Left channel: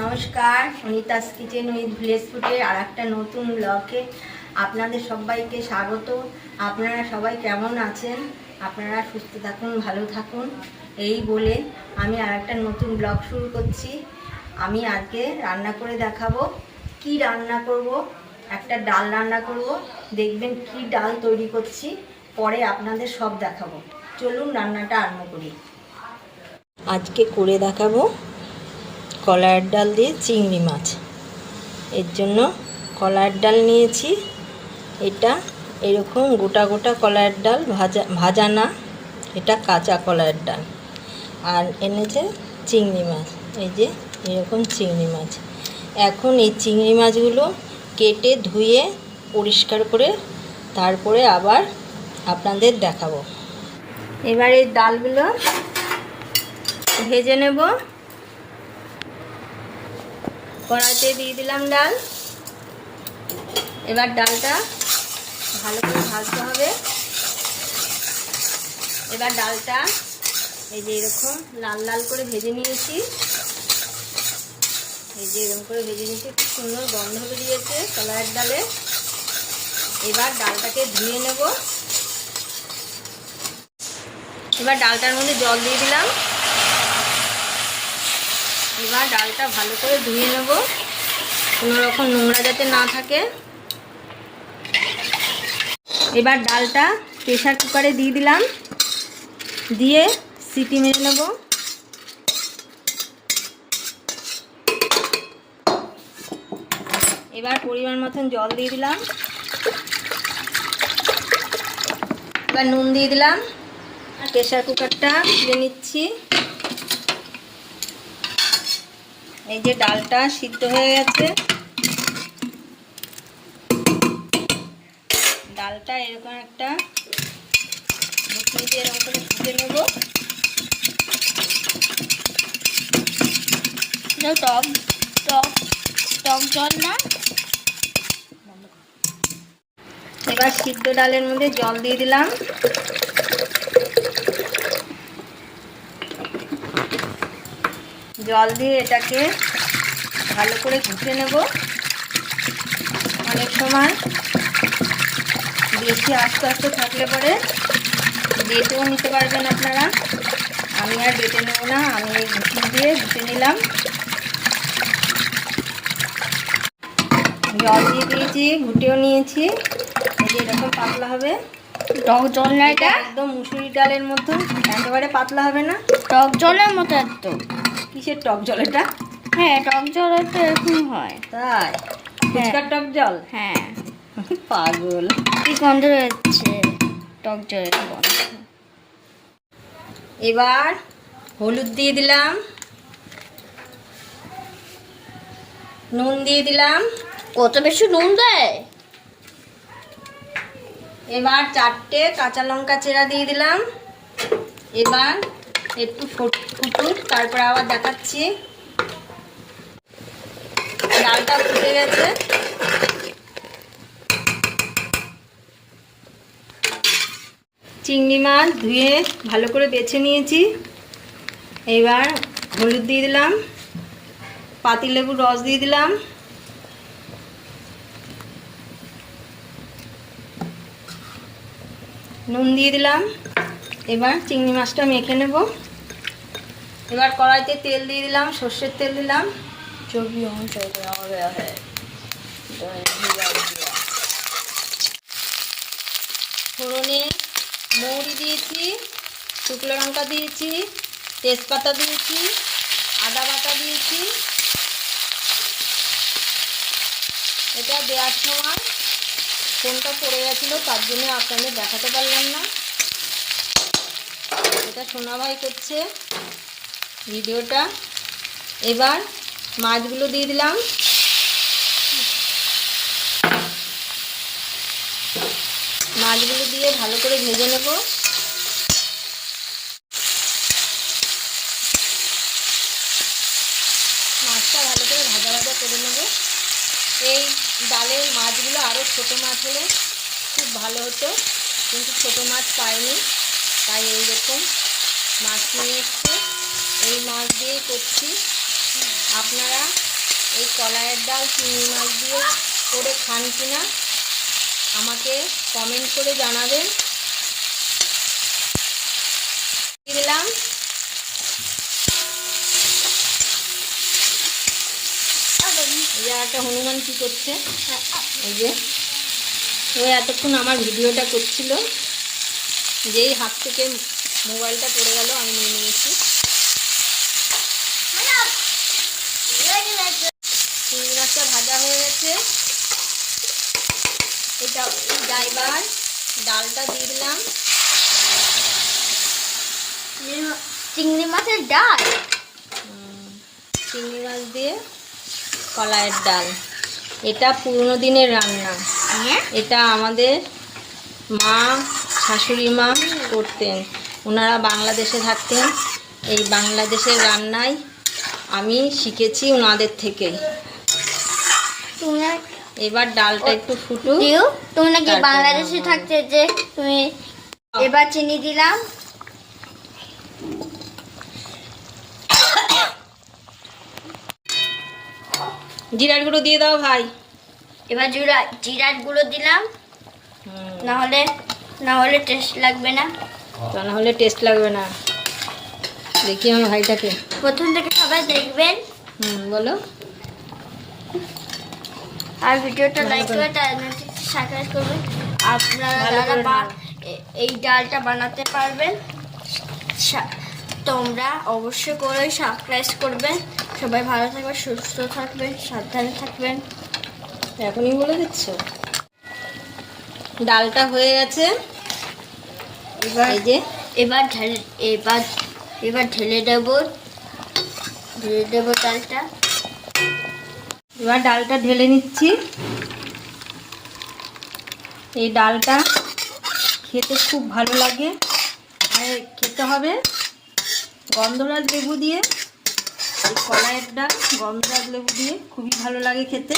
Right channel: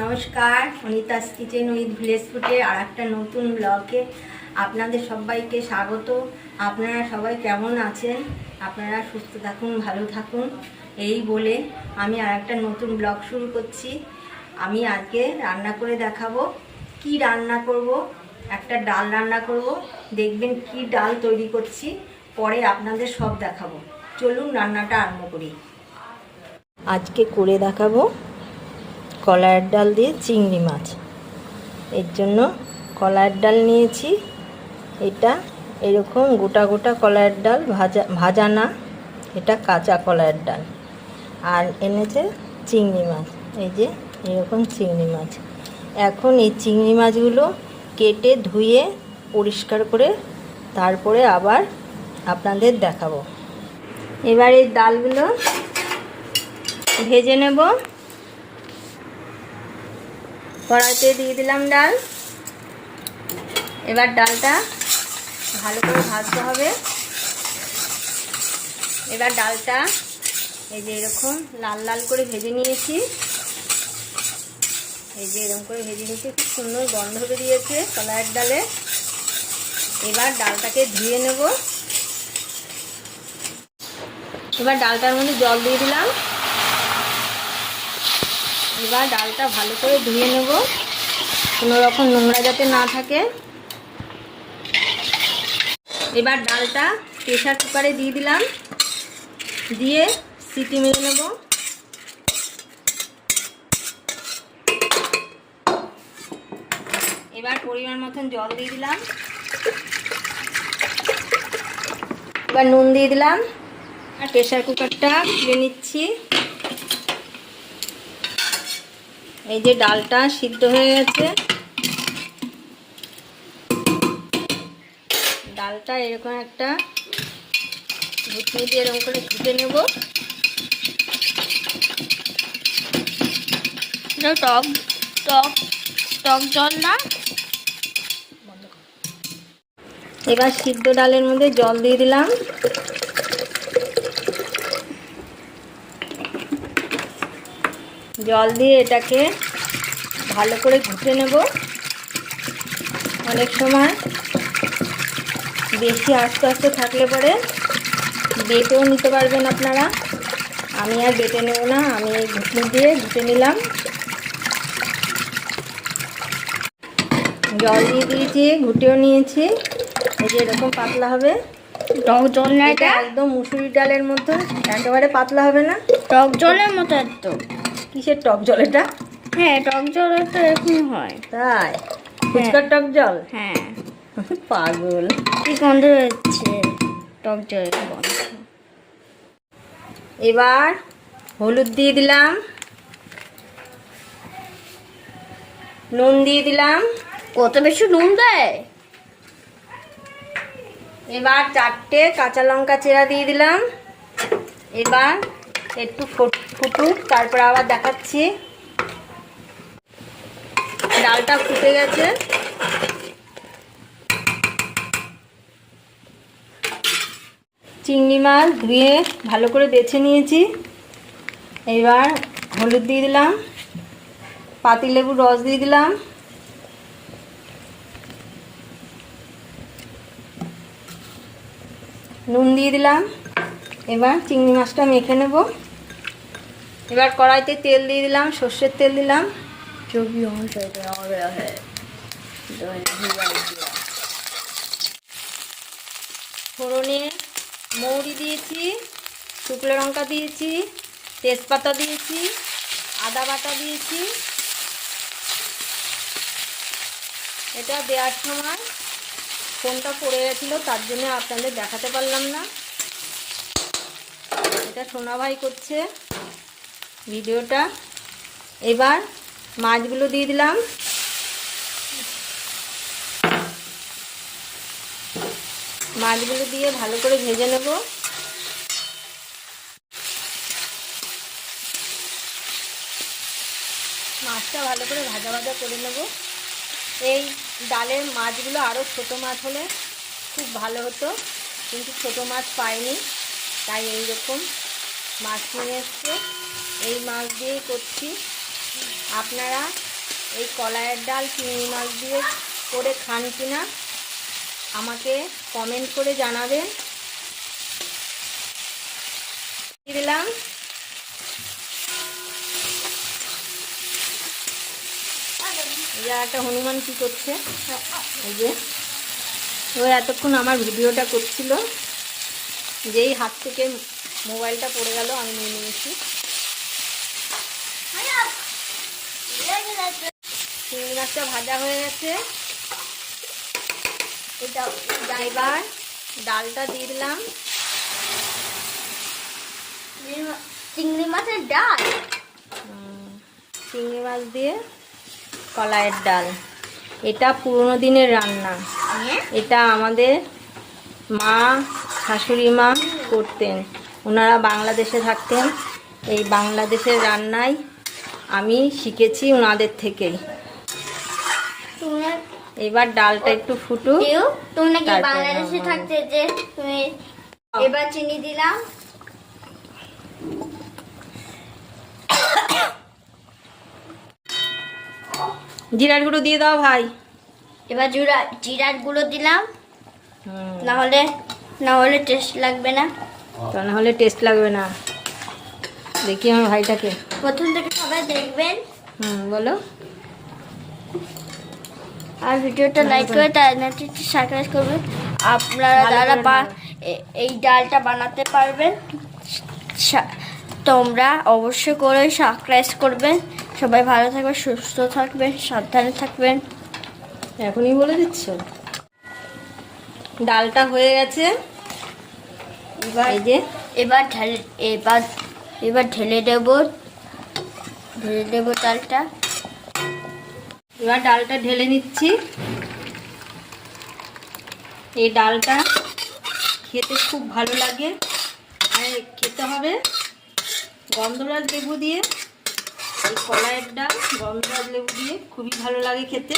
নমস্কার, Anita's kitchen with village ফুডের আর একটা নতুন ব্লগে আপনাদের সবাইকে স্বাগত। আপনারা সবাই কেমন আছেন? আপনারা সুস্থ থাকুন, ভালো থাকুন, এই বলে আমি আর একটা নতুন ব্লগ শুরু করছি। আমি আজকে রান্না করে দেখাবো। কি রান্না করব? একটা ডাল রান্না করব। দেখবেন কি ডাল তৈরি করছি, পরে আপনাদের সব দেখাবো। চলুন রান্নাটা আরম্ভ করি। আজকে করে দেখাবো কলাইয়ের ডাল দিয়ে চিংড়ি মাছ। এর জন্য কলাইয়ের ডাল নিয়েছি। এটা এরকম গোটা গোটা কলাইয়ের ডাল, ভাজা না, এটা কাঁচা কলাইয়ের ডাল। আর এনেছে চিংড়ি মাছ, এই যে এরকম চিংড়ি মাছ। এখন এই চিংড়ি মাছগুলো কেটে ধুয়ে পরিষ্কার করে তারপরে আবার আপনাদের দেখাবো। এবার এই ডালগুলো ভেজে নেব। কড়াইতে দিয়ে দিলাম ডাল। এবার ডালটা ভালো করে ভাজতে হবে। এবার ডালটা এই যে এরকম লাল লাল করে ভেজে নিয়েছি। এই যে এরকম করে ভেজে নিয়েছি, খুব সুন্দর গন্ধ বেরিয়েছে কলাইয়ের ডালে। এবার ডালটাকে ধুয়ে নেব। এবার ডালটার মধ্যে জল দিয়ে দিলাম। এবার ডালটা ভালো করে ধুয়ে নেব, কোনো রকম নোংরা যাতে না থাকে। এবার ডালটা প্রেসার কুকারে দিয়ে দিলাম, দিয়ে সিটি মেরে নেব। এবার পরিমাণ মতন জল দিয়ে দিলাম। এবার নুন দিয়ে দিলাম। প্রেসার কুকারটা খুলে নিচ্ছি। এই যে ডালটা সিদ্ধ হয়ে গেছে। ডালটা এরকম একটা ঘুটনি দিয়ে এরকম করে ঘুটে নেব। টক টক টক জল না। এবার সিদ্ধ ডালের মধ্যে জল দিয়ে দিলাম। জল দিয়ে এটাকে ভালো করে ঘুটে নেব। অনেক সময় বেশি আস্তে আস্তে থাকলে পরে বেটেও নিতে পারবেন আপনারা। আমি আর বেটে নেব না, আমি এই ঘুটনি দিয়ে ঘুটে নিলাম। জল দিয়ে দিয়েছি, ঘুটেও নিয়েছি। এই যে এরকম পাতলা হবে। টক জল না এটা? একদম মুসুরি ডালের মতো, একেবারে পাতলা হবে না, টক জলের মতো একদম। কিসের টক জল এটা? হ্যাঁ, টক জলের তো এরকম হয়। তাই? ফুচকার টক জল? হ্যাঁ। পাগল। কি গন্ধ হচ্ছে টক জলের গন্ধ। এবার হলুদ দিয়ে দিলাম, নুন দিয়ে দিলাম। কত বেশি নুন দেয়? এবার 4টে কাঁচা লঙ্কা চেরা দিয়ে দিলাম। এবার একটু ফুটুক, তারপর আবার দেখাচ্ছি। ডালটা ফুটে গেছে। চিংড়ি মাছ ধুয়ে ভালো করে বেছে নিয়েছি। এবার হলুদ দিয়ে দিলাম, পাতিলেবুর রস দিয়ে দিলাম, নুন দিয়ে দিলাম। এবার চিংড়ি মাছটা মেখে নেব। এবার কড়াইতে তেল দিয়ে দিলাম, সর্ষের তেল দিলাম। ফোড়নে মৌরি দিয়েছি, শুকনো লঙ্কা দিয়েছি, তেজপাতা দিয়েছি, আদা বাটা দিয়েছি। এটা দেওয়ার সময় ফোনটা পড়ে গেছিলো, তার জন্য আপনাদের দেখাতে পারলাম না। এটা সোনা ভাই করছে ভিডিওটা। এবার মাছগুলো দিয়ে দিলাম। মাছগুলো দিয়ে ভালো করে ভেজে নেব। মাছটা ভালো করে ভাজা ভাজা করে নেব। এই ডালের মাছগুলো আরও ছোটো মাছ হলে খুব ভালো হতো, কিন্তু ছোটো মাছ পাইনি, তাই এই রকম মাছ নিয়ে এসছে। এই মাছ দিয়েই করছি। আপনারা এই কলাইয়ের ডাল চিংড়ি মাছ দিয়ে করে খান কিনা আমাকে কমেন্ট করে জানাবেন। দিলাম এই যে একটা হনুমান কি করছে, এই যে ও এতক্ষণ আমার ভিডিওটা করছিল, যেই হাত থেকে মোবাইলটা পড়ে গেল আমি নিয়ে নিয়েছি। চিংড়ি মাছটা ভাজা হয়ে গেছে, এটা এবার ডালটা দিয়ে দিলাম। চিংড়ি মাছের ডাল, চিংড়ি মাছ দিয়ে কলাইয়ের ডাল, এটা পুরনো দিনের রান্না। এটা আমাদের মা শাশুড়ি মা করতেন, ওনারা বাংলাদেশে থাকতেন। এই বাংলাদেশের রান্নায় আমি শিখেছি ওনাদের থেকেই। এবার ডালটা একটু ফুটুক। তুমি নাকি তারপরে বাংলাদেশে নামাবো। থাকতে যে তুমি। এবার চিনি দিলাম, জিরার গুঁড়ো দিয়ে দাও ভাই। এবার জিরার গুঁড়ো দিলাম, না হলে টেস্ট লাগবে না। তা না হলে টেস্ট লাগবে না। দেখি আমার ভাইটাকে। প্রথম থেকে সবাই দেখবেন বলো। আর ভিডিওটা ভালো লাইক করে। করে তার নোটিফিকেশন সাবস্ক্রাইব করবেন। আপনারা ভালো যারা করে নাও। এই ডালটা বানাতে পারবেন তোমরা অবশ্যই করে সাবস্ক্রাইব করবেন। সবাই ভালো থাকবেন, সুস্থ থাকবেন, সাবধানে থাকবেন। এখনই বলে দিচ্ছ। ডালটা হয়ে গেছে, এই যে এবার ঢেলে দেবো ডালটা। এবার ডালটা ঢেলে নিচ্ছি। এই ডালটা খেতে খুব ভালো লাগে, আর খেতে হবে গন্ধরাজ লেবু দিয়ে। এই কলাইয়ের ডাল গন্ধরাজ লেবু দিয়ে খুবই ভালো লাগে খেতে।